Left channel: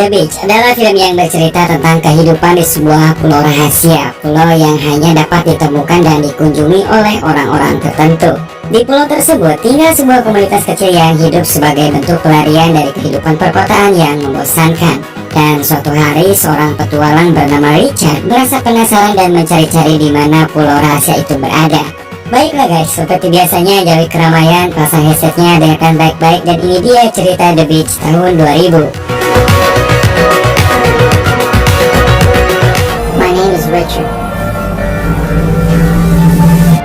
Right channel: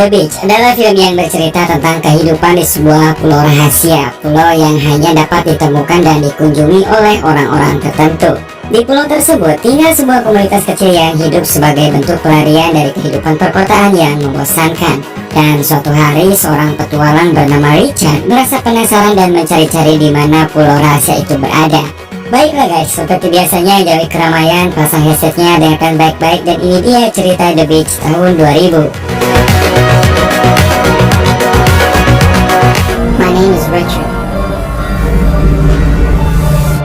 The Beach adalah film yang bercerita tentang kehidupan di sebuah pulau rahasia, pulau yang hanya dapat ditemukan dan dikunjungi oleh orang-orang tertentu. Di pulau tersebut tinggal sebuah komunitas kecil yang hidup sebagai bentuk pelarian dari kehidupan perkotaan yang membosankan. Dan suatu hari seorang petualang bernama Richard merasa penasaran dan mencari-cari di mana pulau rahasia itu berada. Baiklah guys, seperti biasanya jauhi keramaian, pasang headsetnya, dengarkan baik-baik, dan ini dia cerita The Beach tahun 2000. My name is Richard.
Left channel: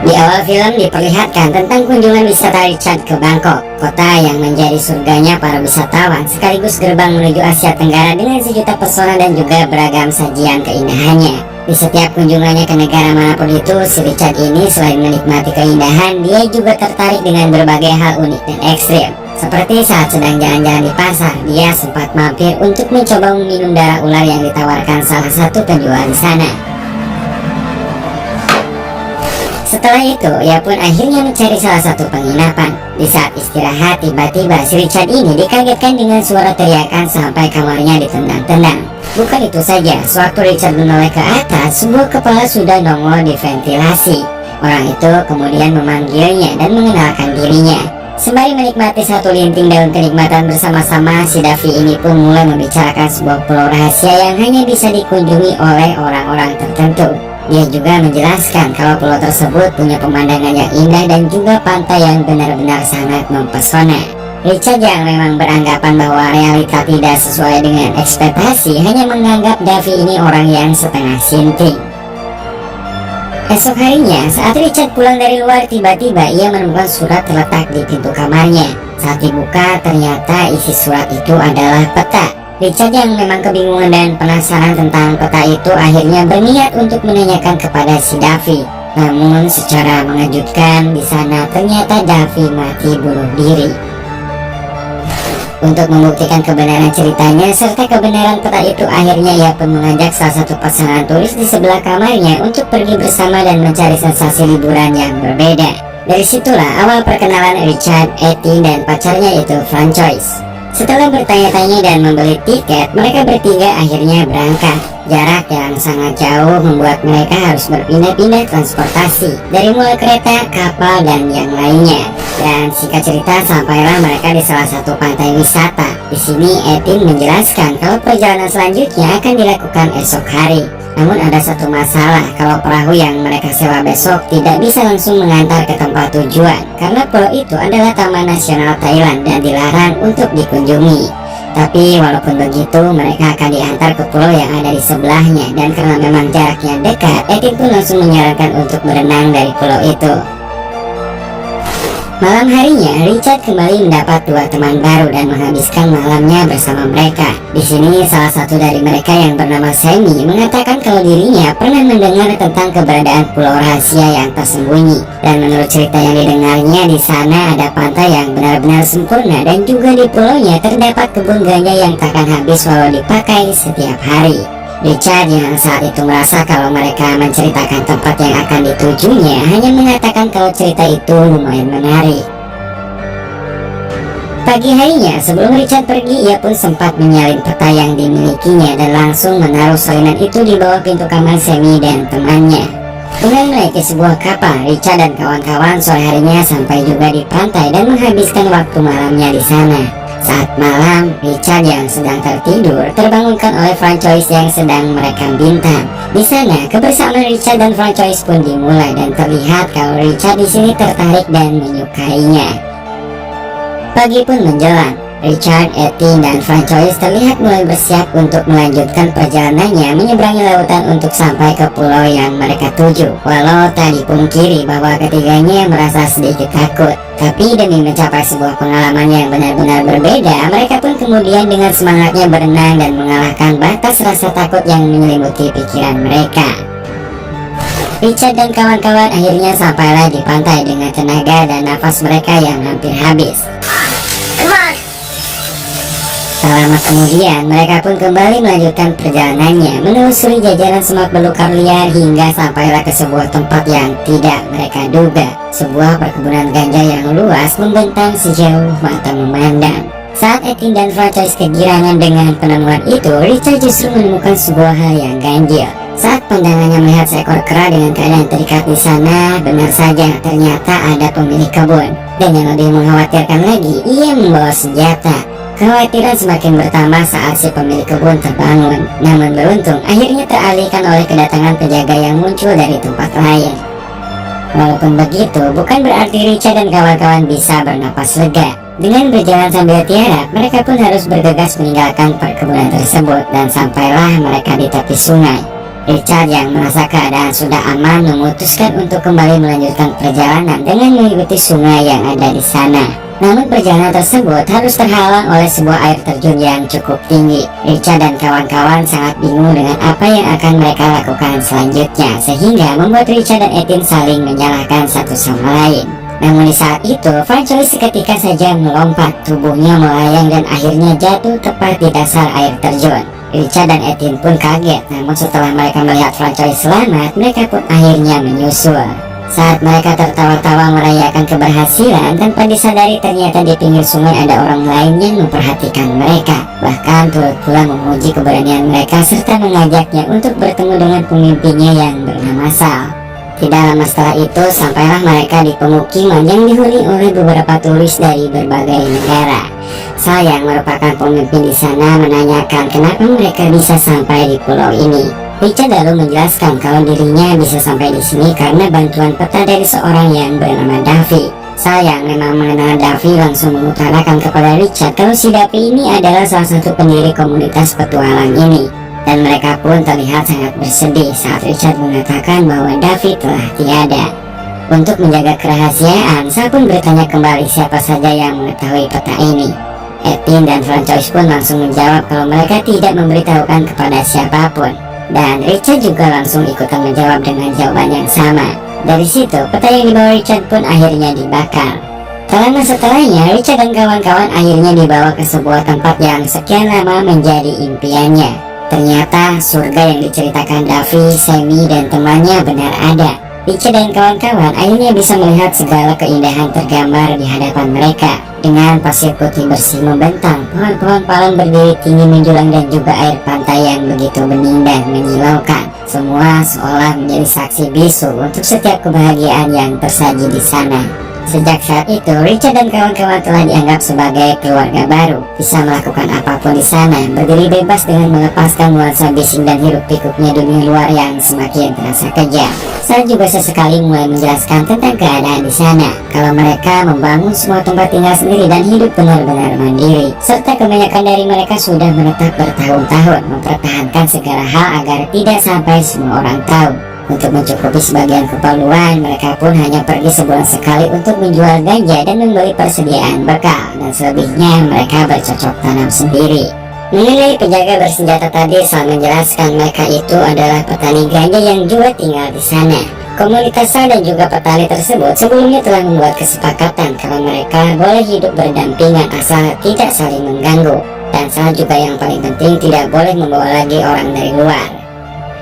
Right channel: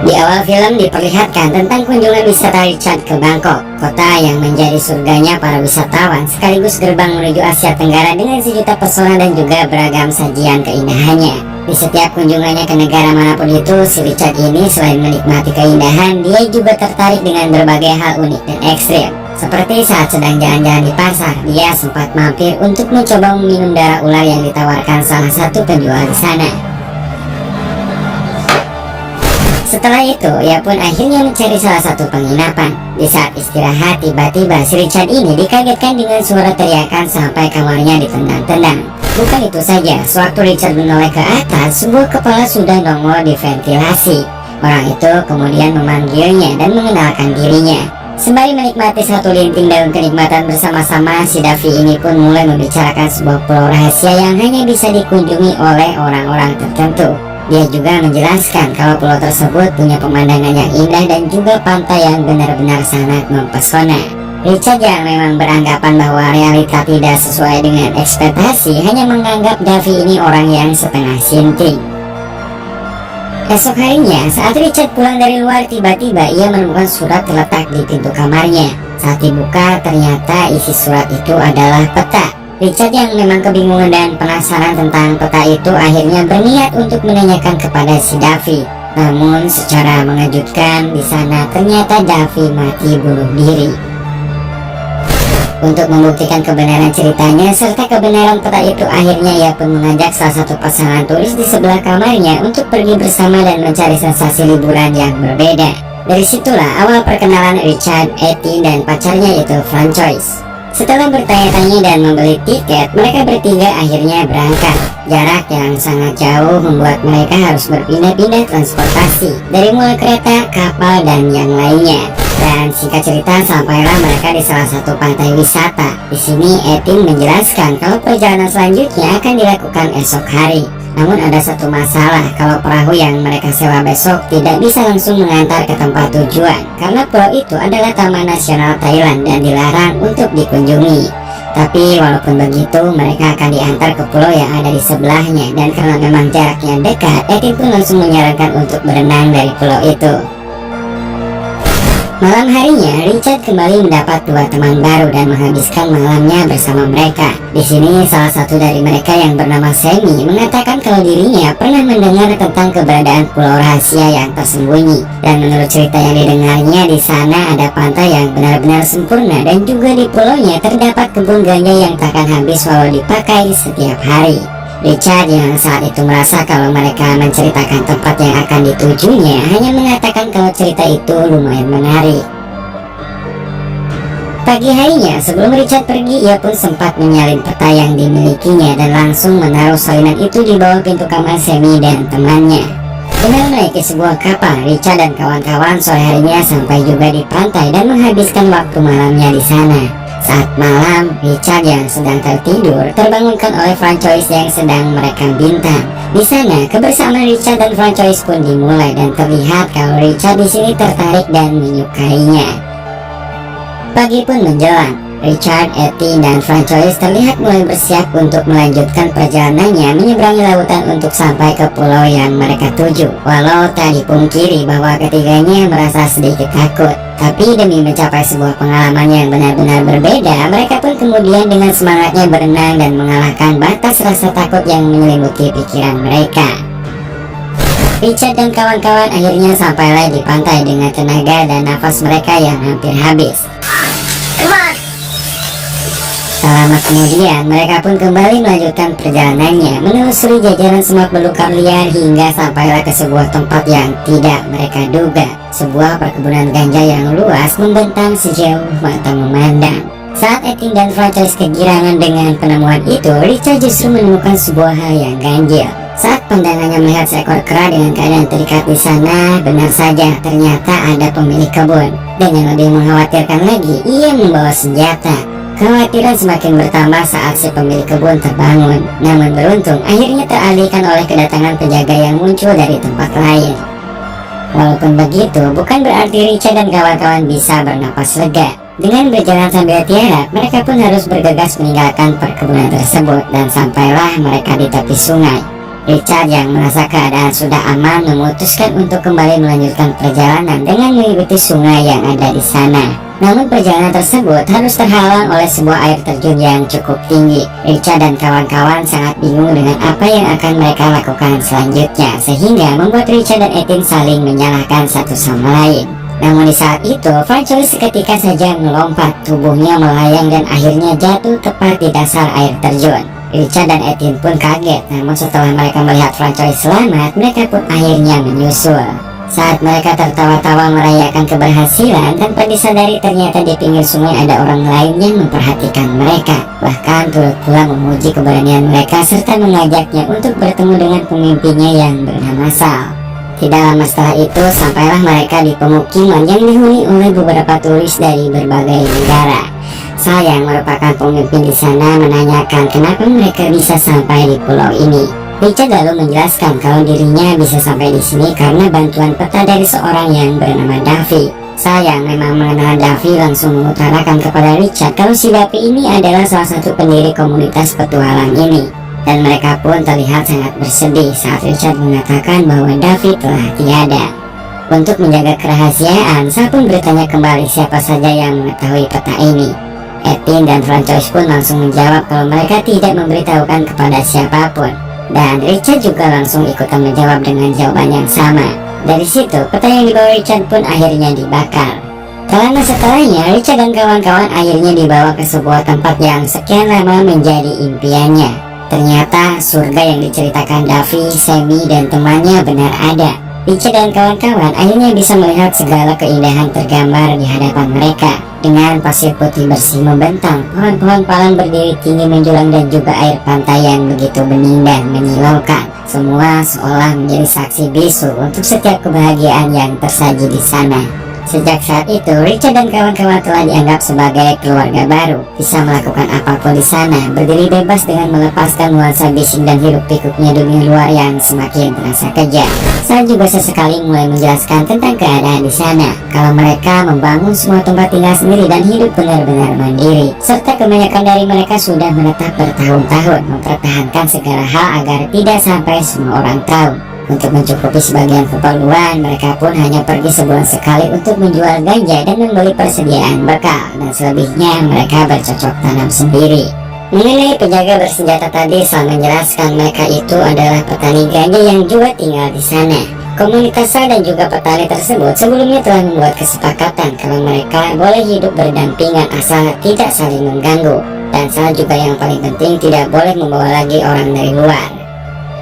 Di awal film diperlihatkan tentang kunjungan wisata Richard ke Bangkok, kota yang menjadi surganya para wisatawan, sekaligus gerbang menuju Asia Tenggara dengan sejuta pesona dan juga beragam sajian keindahannya. Di setiap kunjungannya ke negara manapun itu, si Richard ini selain menikmati keindahan, dia juga tertarik dengan berbagai hal unik dan ekstrim. Seperti saat sedang jalan-jalan di pasar, dia sempat mampir untuk mencoba meminum darah ular yang ditawarkan salah satu penjual di sana. Setelah itu, ia pun akhirnya mencari salah satu penginapan. Di saat istirahat, tiba-tiba si Richard ini dikagetkan dengan suara teriakan sampai kamarnya ditendang-tendang. Bukan itu saja, sewaktu Richard menoleh ke atas, sebuah kepala sudah nongol di ventilasi. Orang itu kemudian memanggilnya dan mengenalkan dirinya. Sembari menikmati satu linting daun kenikmatan bersama-sama, si Davi ini pun mulai membicarakan sebuah pulau rahasia yang hanya bisa dikunjungi oleh orang-orang tertentu. Dia juga menjelaskan kalau pulau tersebut punya pemandangan yang indah dan juga pantai yang benar-benar sangat mempesona. Richard yang memang beranggapan bahwa realita tidak sesuai dengan ekspektasi hanya menganggap Davi ini orang yang setengah sinting. Esok harinya, saat Richard pulang dari luar, tiba-tiba ia menemukan surat terletak di pintu kamarnya. Saat dibuka, ternyata isi surat itu adalah peta. Richard yang memang kebingungan dan penasaran tentang peta itu akhirnya berniat untuk menanyakan kepada si Davi. Namun secara mengejutkan, di sana ternyata Davi mati bunuh diri. Untuk membuktikan kebenaran ceritanya serta kebenaran peta itu, akhirnya ia pun mengajak salah satu pasangan turis di sebelah kamarnya untuk pergi bersama dan mencari sensasi liburan yang berbeda. Dari situlah awal perkenalan Richard, Etty, dan pacarnya yaitu Francois. Setelah bertanya-tanya dan membeli tiket, mereka bertiga akhirnya berangkat. Jarak yang sangat jauh membuat mereka harus berpindah-pindah transportasi, dari mulai kereta, kapal, dan yang lainnya. Dan singkat cerita, sampailah mereka di salah satu pantai wisata. Di sini Etin menjelaskan kalau perjalanan selanjutnya akan dilakukan esok hari. Namun ada satu masalah, kalau perahu yang mereka sewa besok tidak bisa langsung mengantar ke tempat tujuan, karena pulau itu adalah Taman Nasional Thailand dan dilarang untuk dikunjungi. Tapi walaupun begitu, mereka akan diantar ke pulau yang ada di sebelahnya, dan karena memang jaraknya dekat, Etin pun langsung menyarankan untuk berenang dari pulau itu. Malam harinya, Richard kembali mendapat dua teman baru dan menghabiskan malamnya bersama mereka. Di sini, salah satu dari mereka yang bernama Sammy mengatakan kalau dirinya pernah mendengar tentang keberadaan pulau rahasia yang tersembunyi. Dan menurut cerita yang didengarnya, di sana ada pantai yang benar-benar sempurna dan juga di pulaunya terdapat kebun ganja yang takkan habis walau dipakai setiap hari. Richard yang saat itu merasa kalau mereka menceritakan tempat yang akan ditujunya hanya mengatakan kalau cerita itu lumayan menarik. Pagi harinya sebelum Richard pergi, ia pun sempat menyalin peta yang dimilikinya dan langsung menaruh salinan itu di bawah pintu kamar Sammy dan temannya. Dengan menaiki sebuah kapal, Richard dan kawan-kawan sore harinya sampai juga di pantai dan menghabiskan waktu malamnya di sana. Saat malam, Richard yang sedang tertidur terbangunkan oleh Francois yang sedang merekam bintang. Di sana, kebersamaan Richard dan Francois pun dimulai dan terlihat kalau Richard di sini tertarik dan menyukainya. Pagi pun menjelang. Richard, Etty, dan Francois terlihat mulai bersiap untuk melanjutkan perjalanannya menyeberangi lautan untuk sampai ke pulau yang mereka tuju. Walau tak dipungkiri bahwa ketiganya merasa sedikit takut, tapi demi mencapai sebuah pengalaman yang benar-benar berbeda, mereka pun kemudian dengan semangatnya berenang dan mengalahkan batas rasa takut yang menyelimuti pikiran mereka. Richard dan kawan-kawan akhirnya sampailah di pantai dengan tenaga dan nafas mereka yang hampir habis. Tak lama kemudian, mereka pun kembali melanjutkan perjalanannya, menelusuri jajaran semak belukar liar hingga sampailah ke sebuah tempat yang tidak mereka duga. Sebuah perkebunan ganja yang luas membentang sejauh mata memandang. Saat Etienne dan Francois kegirangan dengan penemuan itu, Richard justru menemukan sebuah hal yang ganjil. Saat pandangannya melihat seekor kera dengan keadaan terikat di sana, benar saja ternyata ada pemilik kebun. Dan yang lebih mengkhawatirkan lagi, ia membawa senjata. Kekhawatiran semakin bertambah saat si pemilik kebun terbangun. Namun beruntung, akhirnya teralihkan oleh kedatangan penjaga yang muncul dari tempat lain. Walaupun begitu, bukan berarti Richard dan kawan-kawan bisa bernapas lega. Dengan berjalan sambil tiarap, mereka pun harus bergegas meninggalkan perkebunan tersebut dan sampailah mereka di tepi sungai. Richard yang merasa keadaan sudah aman memutuskan untuk kembali melanjutkan perjalanan dengan mengikuti sungai yang ada di sana. Namun perjalanan tersebut harus terhalang oleh sebuah air terjun yang cukup tinggi. Richard dan kawan-kawan sangat bingung dengan apa yang akan mereka lakukan selanjutnya, sehingga membuat Richard dan Etienne saling menyalahkan satu sama lain. Namun di saat itu, Francois seketika saja melompat, tubuhnya melayang dan akhirnya jatuh tepat di dasar air terjun. Richard dan Etienne pun kaget, namun setelah mereka melihat Francois selamat, mereka pun akhirnya menyusul. Saat mereka tertawa-tawa merayakan keberhasilan, tanpa disadari ternyata di pinggir sungai ada orang lain yang memperhatikan mereka. Bahkan turut pula memuji keberanian mereka serta mengajaknya untuk bertemu dengan pemimpinnya yang bernama Sal. Tidak lama setelah itu, sampailah mereka di pemukiman yang dihuni oleh beberapa turis dari berbagai negara. Sal yang merupakan pemimpin di sana menanyakan kenapa mereka bisa sampai di pulau ini. Richard lalu menjelaskan kalau dirinya bisa sampai di sini karena bantuan peta dari seorang yang bernama Davy. Sal yang memang mengenal Davy langsung mengutarakan kepada Richard kalau si Davy ini adalah salah satu pendiri komunitas petualang ini. Dan mereka pun terlihat sangat bersedih saat Richard mengatakan bahwa Davy telah tiada. Untuk menjaga kerahasiaan, Sal pun bertanya kembali siapa saja yang mengetahui peta ini. Etienne dan Francois pun langsung menjawab kalau mereka tidak memberitahukan kepada siapapun. Dan Richard juga langsung ikutan menjawab dengan jawaban yang sama. Dari situ, peta yang dibawa Richard pun akhirnya dibakar. Tak lama setelahnya, Richard dan kawan-kawan akhirnya dibawa ke sebuah tempat yang sekian lama menjadi impiannya. Ternyata surga yang diceritakan Davy, Sammy, dan temannya benar ada. Richard dan kawan-kawan akhirnya bisa melihat segala keindahan tergambar di hadapan mereka. Dengan pasir putih bersih membentang, pohon-pohon palem berdiri tinggi menjulang dan juga air pantai yang begitu bening dan menyilaukan. Semua seolah menjadi saksi bisu untuk setiap kebahagiaan yang tersaji di sana. Sejak saat itu, Richard dan kawan-kawan telah dianggap sebagai keluarga baru, bisa melakukan apapun di sana, berdiri bebas dengan melepaskan nuansa bising dan hiruk-pikuknya dunia luar yang semakin terasa kejam. Sal juga sesekali mulai menjelaskan tentang keadaan di sana, kalau mereka membangun semua tempat tinggal sendiri dan hidup benar-benar mandiri, serta kebanyakan dari mereka sudah menetap bertahun-tahun mempertahankan segala hal agar tidak sampai semua orang tahu. Untuk mencukupi sebagian keperluan, mereka pun hanya pergi sebulan sekali untuk menjual ganja dan membeli persediaan bekal, dan selebihnya mereka bercocok tanam sendiri. Mengenai penjaga bersenjata tadi, Sal menjelaskan mereka itu adalah petani ganja yang juga tinggal di sana. Komunitas Sal dan juga petani tersebut sebelumnya telah membuat kesepakatan kalau mereka boleh hidup berdampingan asal tidak saling mengganggu, dan Sal juga yang paling penting tidak boleh membawa lagi orang dari luar.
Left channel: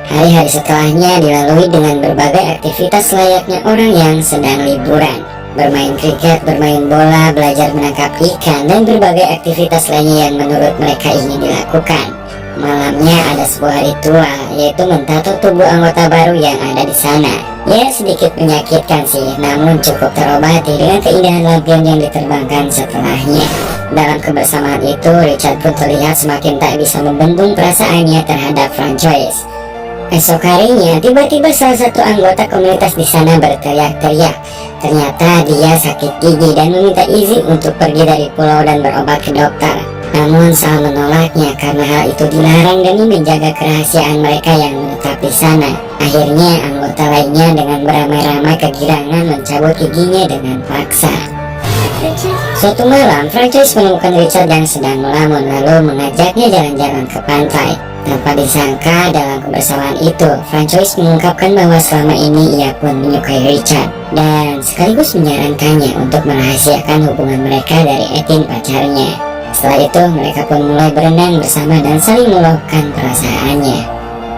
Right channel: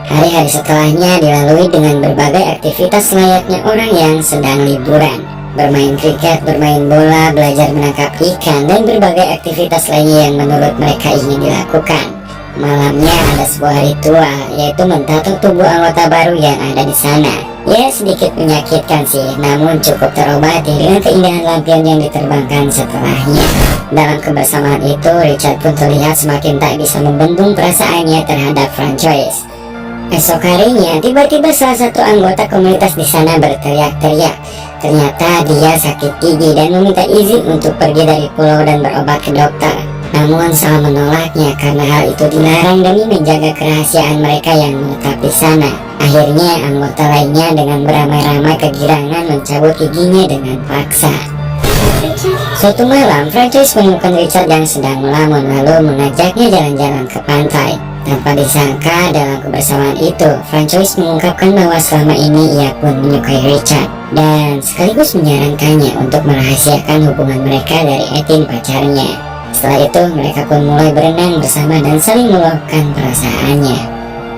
Hari-hari setelahnya dilalui dengan berbagai aktivitas layaknya orang yang sedang liburan. Bermain kriket, bermain bola, belajar menangkap ikan, dan berbagai aktivitas lainnya yang menurut mereka ingin dilakukan. Malamnya ada sebuah ritual, yaitu mentato tubuh anggota baru yang ada di sana. Ya, sedikit menyakitkan sih, namun cukup terobati dengan keindahan lampion yang diterbangkan setelahnya. Dalam kebersamaan itu, Richard pun terlihat semakin tak bisa membendung perasaannya terhadap Francois. Esok harinya, tiba-tiba salah satu anggota komunitas di sana berteriak-teriak. Ternyata dia sakit gigi dan meminta izin untuk pergi dari pulau dan berobat ke dokter. Namun Sal menolaknya karena hal itu dilarang demi menjaga kerahasiaan mereka yang menetap di sana. Akhirnya anggota lainnya dengan beramai-ramai kegirangan mencabut giginya dengan paksa. Suatu malam, Francois menemukan Richard yang sedang melamun lalu mengajaknya jalan-jalan ke pantai. Tanpa disangka dalam kebersamaan itu, Francois mengungkapkan bahwa selama ini ia pun menyukai Richard dan sekaligus menyarankannya untuk merahasiakan hubungan mereka dari Etienne pacarnya. Setelah itu, mereka pun mulai berenang bersama dan saling meluapkan perasaannya.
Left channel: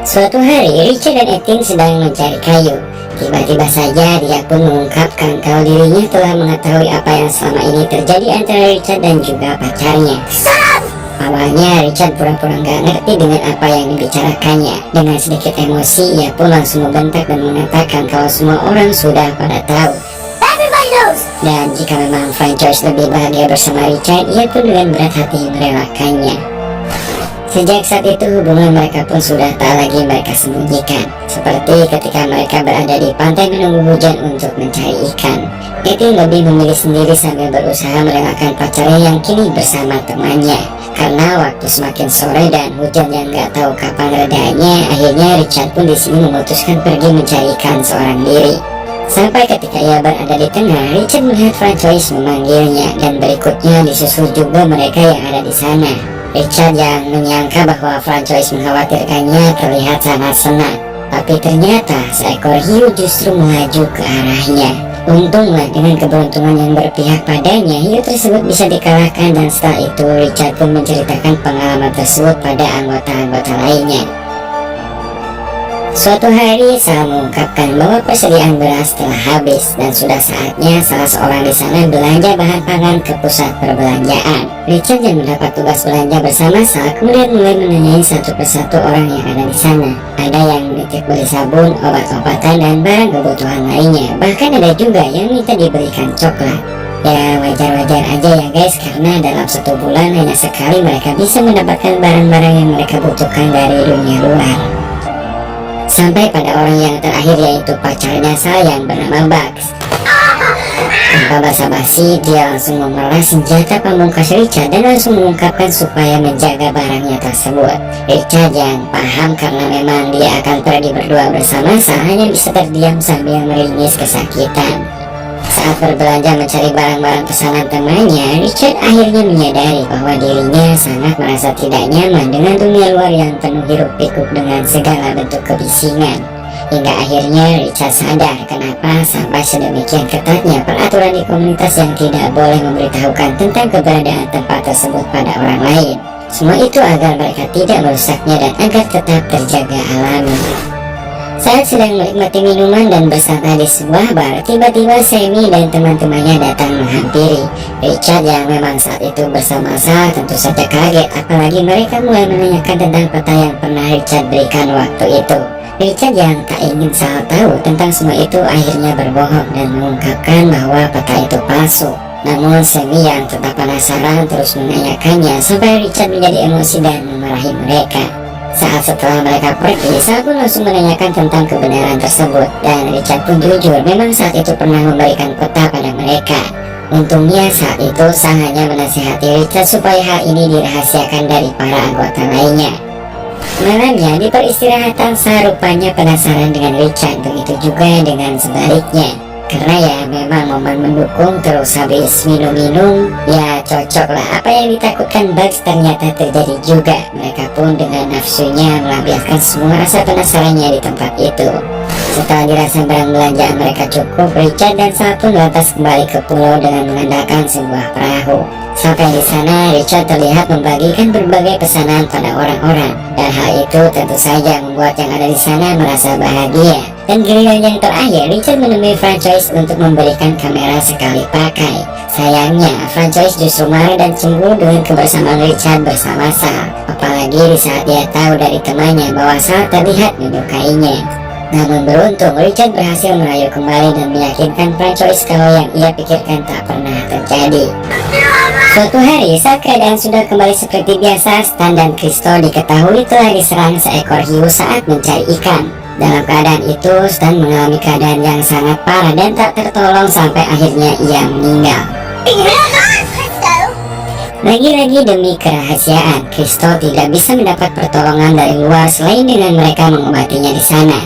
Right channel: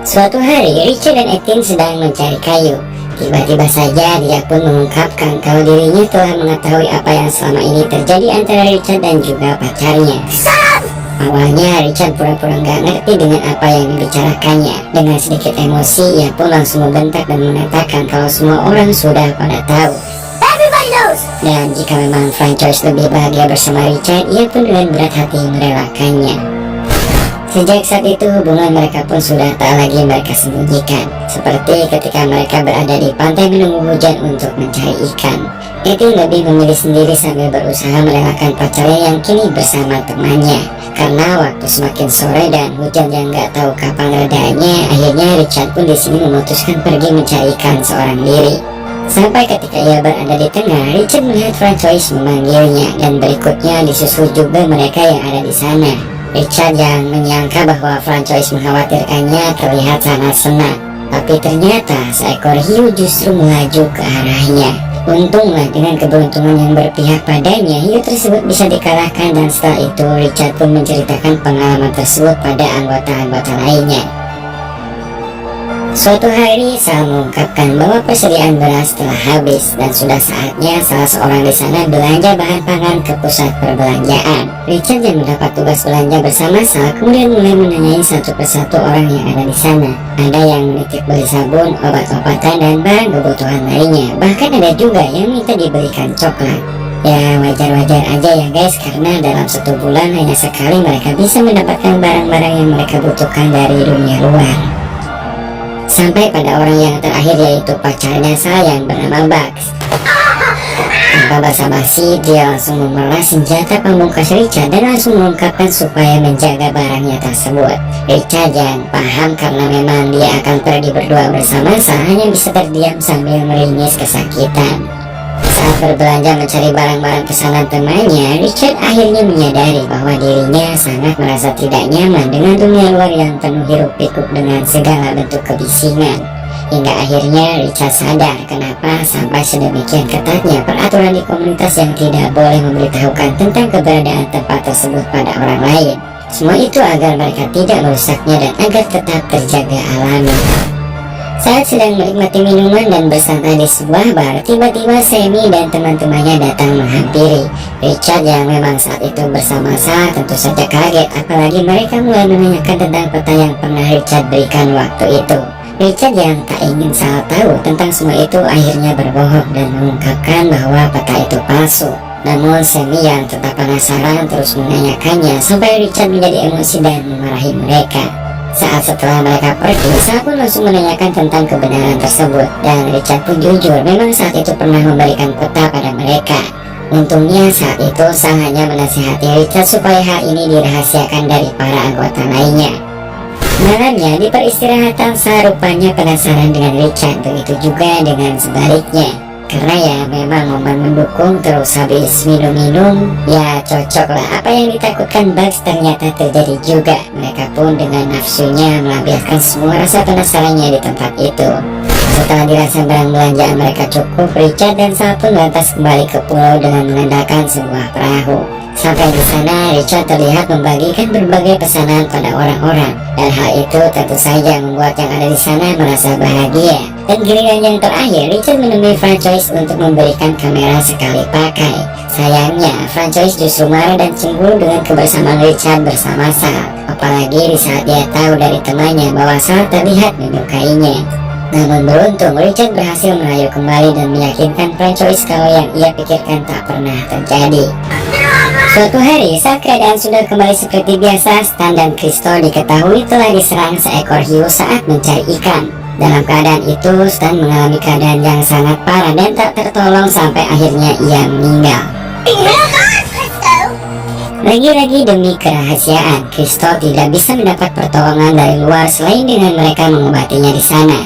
Suatu hari, Richard dan Etienne sedang mencari kayu. Tiba-tiba saja dia pun mengungkapkan kalau dirinya telah mengetahui apa yang selama ini terjadi antara Richard dan juga pacarnya. Awalnya Richard pura-pura nggak ngerti dengan apa yang dibicarakannya. Dengan sedikit emosi, ia pun langsung membentak dan mengatakan kalau semua orang sudah pada tahu. Dan jika memang Francois lebih bahagia bersama Richard, ia pun dengan berat hati merelakannya. Sejak saat itu hubungan mereka pun sudah tak lagi mereka sembunyikan. Seperti ketika mereka berada di pantai menunggu hujan untuk mencari ikan, Etienne lebih memilih sendiri sambil berusaha merelakan pacarnya yang kini bersama temannya. Karena waktu semakin sore dan hujan yang gak tahu kapan redanya, akhirnya Richard pun di sini memutuskan pergi mencari ikan seorang diri. Sampai ketika ia berada di tengah, Richard melihat Francois memanggilnya, dan berikutnya disusul juga mereka yang ada di sana. Richard yang menyangka bahwa Francois mengkhawatirkannya terlihat sangat senang, tapi ternyata seekor hiu justru melaju ke arahnya. Untunglah dengan keberuntungan yang berpihak padanya, hiu tersebut bisa dikalahkan, dan setelah itu Richard pun menceritakan pengalaman tersebut pada anggota-anggota lainnya. Suatu hari Sal mengungkapkan bahwa persediaan beras telah habis dan sudah saatnya salah seorang di sana belanja bahan pangan ke pusat perbelanjaan. Richard yang mendapat tugas belanja bersama Sal kemudian mulai menanyai satu persatu orang yang ada di sana. Ada yang menitip beli sabun, obat-obatan, dan barang kebutuhan lainnya. Bahkan ada juga yang minta diberikan coklat. Ya wajar-wajar aja ya guys, karena dalam satu bulan hanya sekali mereka bisa mendapatkan barang-barang yang mereka butuhkan dari dunia luar. Sampai pada orang yang terakhir, yaitu pacarnya Sal yang bernama Bugs. Tanpa basa-basi, dia langsung memeras senjata pamungkas Richard dan langsung mengungkapkan supaya menjaga barangnya tersebut. Richard yang paham karena memang dia akan pergi berdua bersama Sal hanya bisa terdiam sambil meringis kesakitan. Saat berbelanja mencari barang-barang pesanan temannya, Richard akhirnya menyadari bahwa dirinya sangat merasa tidak nyaman dengan dunia luar yang penuh hiruk-pikuk dengan segala bentuk kebisingan. Hingga akhirnya Richard sadar kenapa sampai sedemikian ketatnya peraturan di komunitas yang tidak boleh memberitahukan tentang keberadaan tempat tersebut pada orang lain. Semua itu agar mereka tidak merusaknya dan agar tetap terjaga alami. Saat sedang menikmati minuman dan bersantai di sebuah bar, tiba-tiba Sammy dan teman-temannya datang menghampiri. Richard yang memang saat itu bersama Sal tentu saja kaget, apalagi mereka mulai menanyakan tentang peta yang pernah Richard berikan waktu itu. Richard yang tak ingin Sal tahu tentang semua itu akhirnya berbohong dan mengungkapkan bahwa peta itu palsu. Namun Sammy yang tetap penasaran terus menanyakannya sampai Richard menjadi emosi dan memarahi mereka. Saat setelah mereka pergi, Sal pun langsung menanyakan tentang kebenaran tersebut, dan Richard pun jujur memang saat itu pernah memberikan peta pada mereka. Untungnya saat itu Sal hanya menasihati Richard supaya hal ini dirahasiakan dari para anggota lainnya. Malamnya di peristirahatan, Sal rupanya penasaran dengan Richard, begitu juga dengan sebaliknya. Karena ya memang momen mendukung, terus habis minum-minum ya cocok lah. Apa yang ditakutkan Bugs ternyata terjadi juga. Mereka pun dengan nafsunya melampiaskan semua rasa penasarannya di tempat itu. Setelah dirasa barang belanjaan mereka cukup, Richard dan Sal pun lantas kembali ke pulau dengan mengandalkan sebuah perahu. Sampai di sana, Richard terlihat membagikan berbagai pesanan pada orang-orang, dan hal itu tentu saja membuat yang ada di sana merasa bahagia. Dan giliran yang terakhir, Richard menemui Francois untuk memberikan kamera sekali pakai. Sayangnya, Francois justru marah dan cemburu dengan kebersamaan Richard bersama Sal. Apalagi di saat dia tahu dari temannya bahwa Sal terlihat menyukainya. Namun beruntung, Richard berhasil merayu kembali dan meyakinkan Francois kalau yang ia pikirkan tak pernah terjadi. Suatu hari, saat keadaan sudah kembali seperti biasa, Stan dan Kristo diketahui telah diserang seekor hiu saat mencari ikan. Dalam keadaan itu, Stan mengalami keadaan yang sangat parah dan tak tertolong sampai akhirnya ia meninggal. Lagi-lagi demi kerahasiaan, Kristo tidak bisa mendapat pertolongan dari luar selain dengan mereka mengobatinya di sana.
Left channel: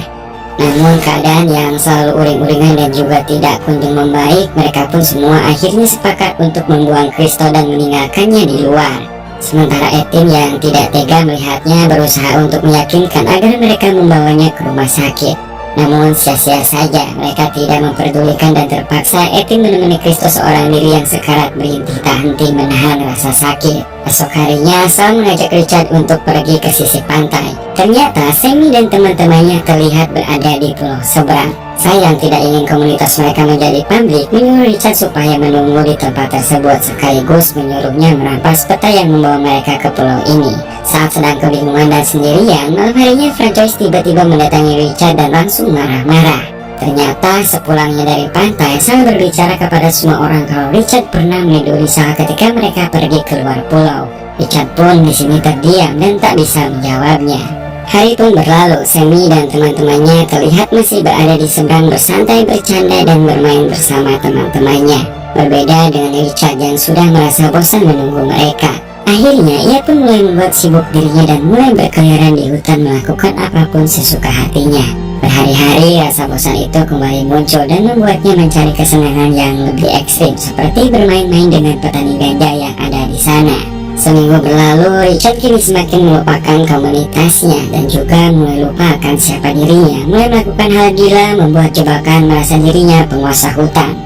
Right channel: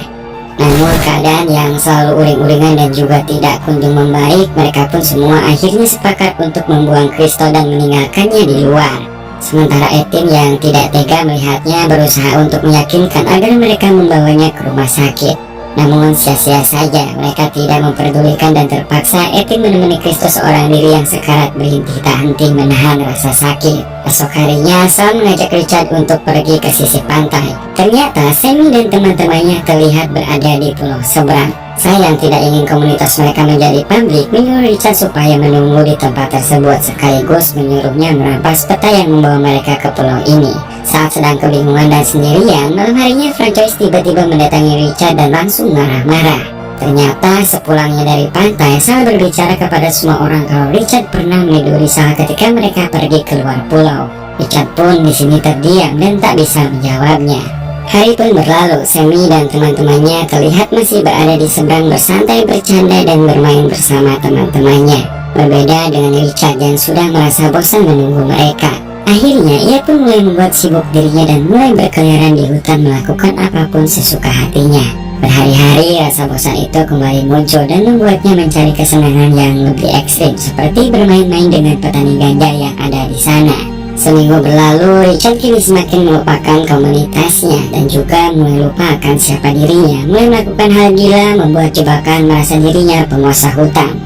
Namun keadaan yang selalu uring-uringan dan juga tidak kunjung membaik, mereka pun semua akhirnya sepakat untuk membuang Kristo dan meninggalkannya di luar. Sementara Etienne yang tidak tega melihatnya berusaha untuk meyakinkan agar mereka membawanya ke rumah sakit. Namun sia-sia saja, mereka tidak memperdulikan dan terpaksa Etienne menemani Kristo seorang diri yang sekarat berhenti tak henti menahan rasa sakit. Esok harinya, Sal mengajak Richard untuk pergi ke sisi pantai. Ternyata Sammy dan teman-temannya terlihat berada di pulau seberang. Sayang tidak ingin komunitas mereka menjadi publik, menyuruh Richard supaya menunggu di tempat tersebut, sekaligus menyuruhnya merampas peta yang membawa mereka ke pulau ini. Saat sedang kebingungan dan sendirian, malam harinya Francois tiba-tiba mendatangi Richard dan langsung marah-marah. Ternyata sepulangnya dari pantai, Sal berbicara kepada semua orang kalau Richard pernah meniduri Sal ketika mereka pergi keluar pulau. Richard pun di sini terdiam dan tak bisa menjawabnya. Hari pun berlalu, Sammy dan teman-temannya terlihat masih berada di seberang bersantai, bercanda, dan bermain bersama teman-temannya. Berbeda dengan Richard yang sudah merasa bosan menunggu mereka. Akhirnya ia pun mulai membuat sibuk dirinya dan mulai berkeliaran di hutan melakukan apapun sesuka hatinya. Berhari-hari rasa bosan itu kembali muncul dan membuatnya mencari kesenangan yang lebih ekstrim, seperti bermain-main dengan petani ganja yang ada di sana. Seminggu berlalu, Richard kini semakin melupakan komunitasnya dan juga mulai lupa akan siapa dirinya, mulai melakukan hal gila, membuat jebakan, merasa dirinya penguasa hutan.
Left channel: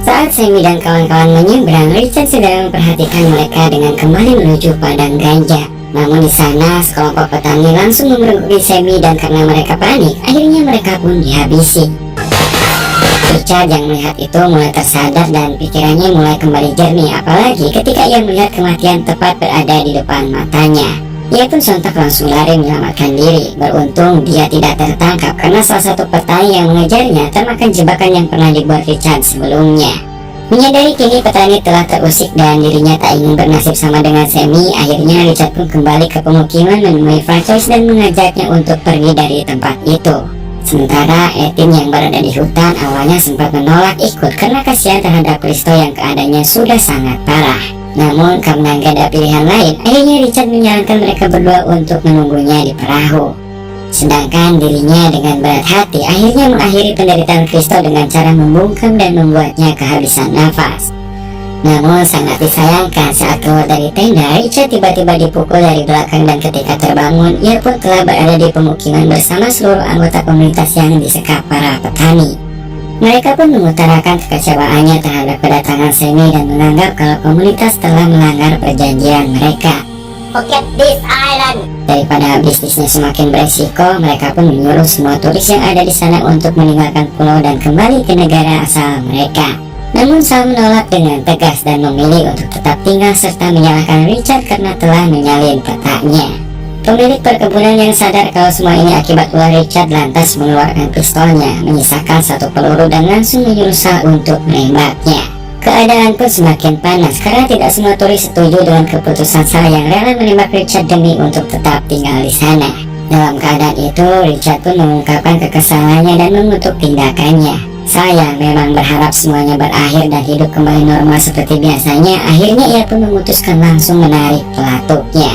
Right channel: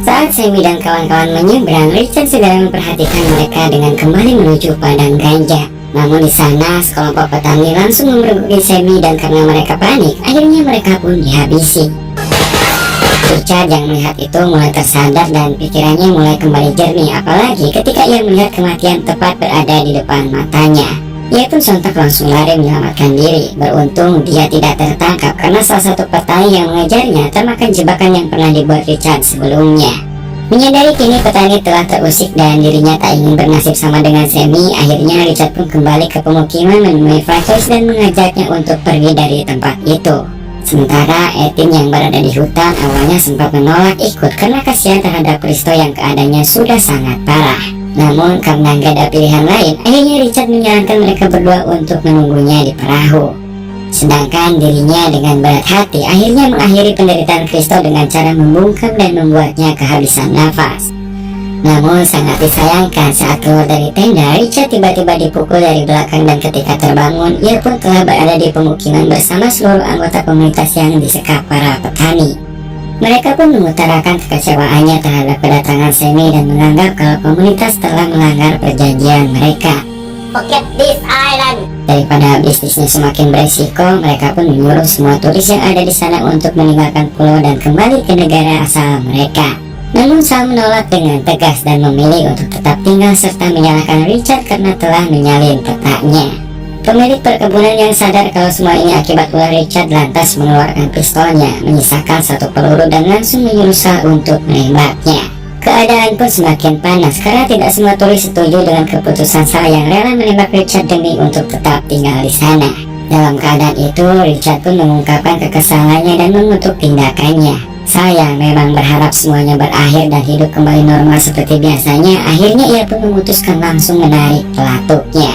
Saat Sammy dan kawan-kawan menyeberang, Richard segera memperhatikan mereka dengan kembali menuju padang ganja. Namun di sana, sekelompok petani langsung memergoki Sammy dan karena mereka panik, akhirnya mereka pun dihabisi. Richard yang melihat itu mulai tersadar dan pikirannya mulai kembali jernih, apalagi ketika ia melihat kematian tepat berada di depan matanya. Ia pun sontak langsung lari menyelamatkan diri. Beruntung dia tidak tertangkap karena salah satu petani yang mengejarnya termakan jebakan yang pernah dibuat Richard sebelumnya. Menyadari kini petani telah terusik dan dirinya tak ingin bernasib sama dengan Sammy, akhirnya Richard pun kembali ke pemukiman menemui Francois dan mengajaknya untuk pergi dari tempat itu. Sementara Etin yang berada di hutan awalnya sempat menolak ikut karena kasihan terhadap Kristo yang keadaannya sudah sangat parah. Namun karena gak ada pilihan lain, akhirnya Richard menyarankan mereka berdua untuk menunggunya di perahu. Sedangkan dirinya dengan berat hati akhirnya mengakhiri penderitaan Kristo dengan cara membungkam dan membuatnya kehabisan nafas. Namun sangat disayangkan saat keluar dari tenda, Richard tiba-tiba dipukul dari belakang dan ketika terbangun, ia pun telah berada di pemukiman bersama seluruh anggota komunitas yang disekap para petani. Mereka pun mengutarakan kekecewaannya terhadap kedatangan Sammy dan menganggap kalau komunitas telah melanggar perjanjian mereka. Forget this island. Daripada bisnisnya semakin beresiko, mereka pun menyuruh semua turis yang ada di sana untuk meninggalkan pulau dan kembali ke negara asal mereka. Namun Sal menolak dengan tegas dan memilih untuk tetap tinggal serta menyalahkan Richard karena telah menyalin petanya. Pemilik perkebunan yang sadar kalau semua ini akibat ulah Richard lantas mengeluarkan pistolnya, menyisakan satu peluru dan langsung menyuruh Sal untuk menembaknya. Keadaan pun semakin panas karena tidak semua turis setuju dengan keputusan Sal yang rela menembak Richard demi untuk tetap tinggal di sana. Dalam keadaan itu, Richard pun mengungkapkan kekesalannya dan mengutuk tindakannya. Saya memang berharap semuanya berakhir dan hidup kembali normal seperti biasanya. Akhirnya ia pun memutuskan langsung menarik pelatuknya.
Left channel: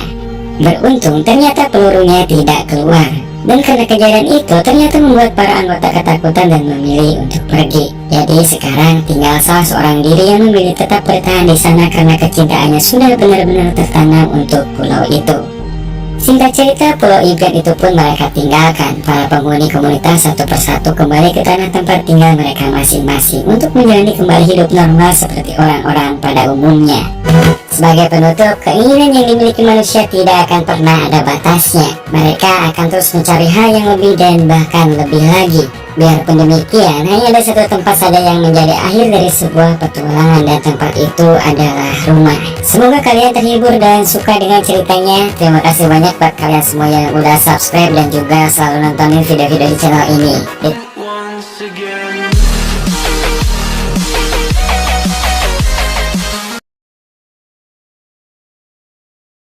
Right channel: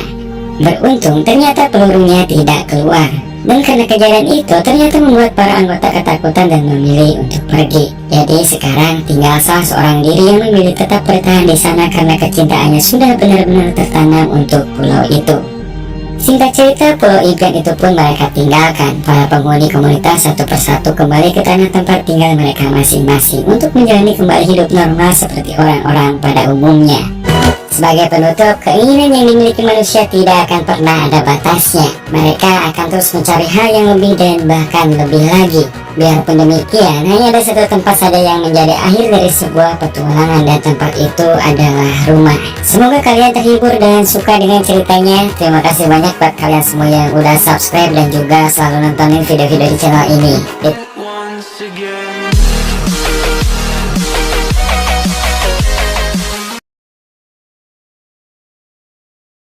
Beruntung ternyata pelurunya tidak keluar. Dan karena kejadian itu ternyata membuat para anggota ketakutan dan memilih untuk pergi. Jadi sekarang tinggal salah seorang diri yang memilih tetap bertahan di sana karena kecintaannya sudah benar-benar tertanam untuk pulau itu. Singkat cerita, pulau impian itu pun mereka tinggalkan. Para penghuni komunitas satu persatu kembali ke tanah tempat tinggal mereka masing-masing untuk menjalani kembali hidup normal seperti orang-orang pada umumnya. Sebagai penutup, keinginan yang dimiliki manusia tidak akan pernah ada batasnya. Mereka akan terus mencari hal yang lebih dan bahkan lebih lagi. Biarpun demikian, hanya ada satu tempat saja yang menjadi akhir dari sebuah petualangan dan tempat itu adalah rumah. Semoga kalian terhibur dan suka dengan ceritanya. Terima kasih banyak buat kalian semua yang udah subscribe dan juga selalu nontonin video-video di channel ini.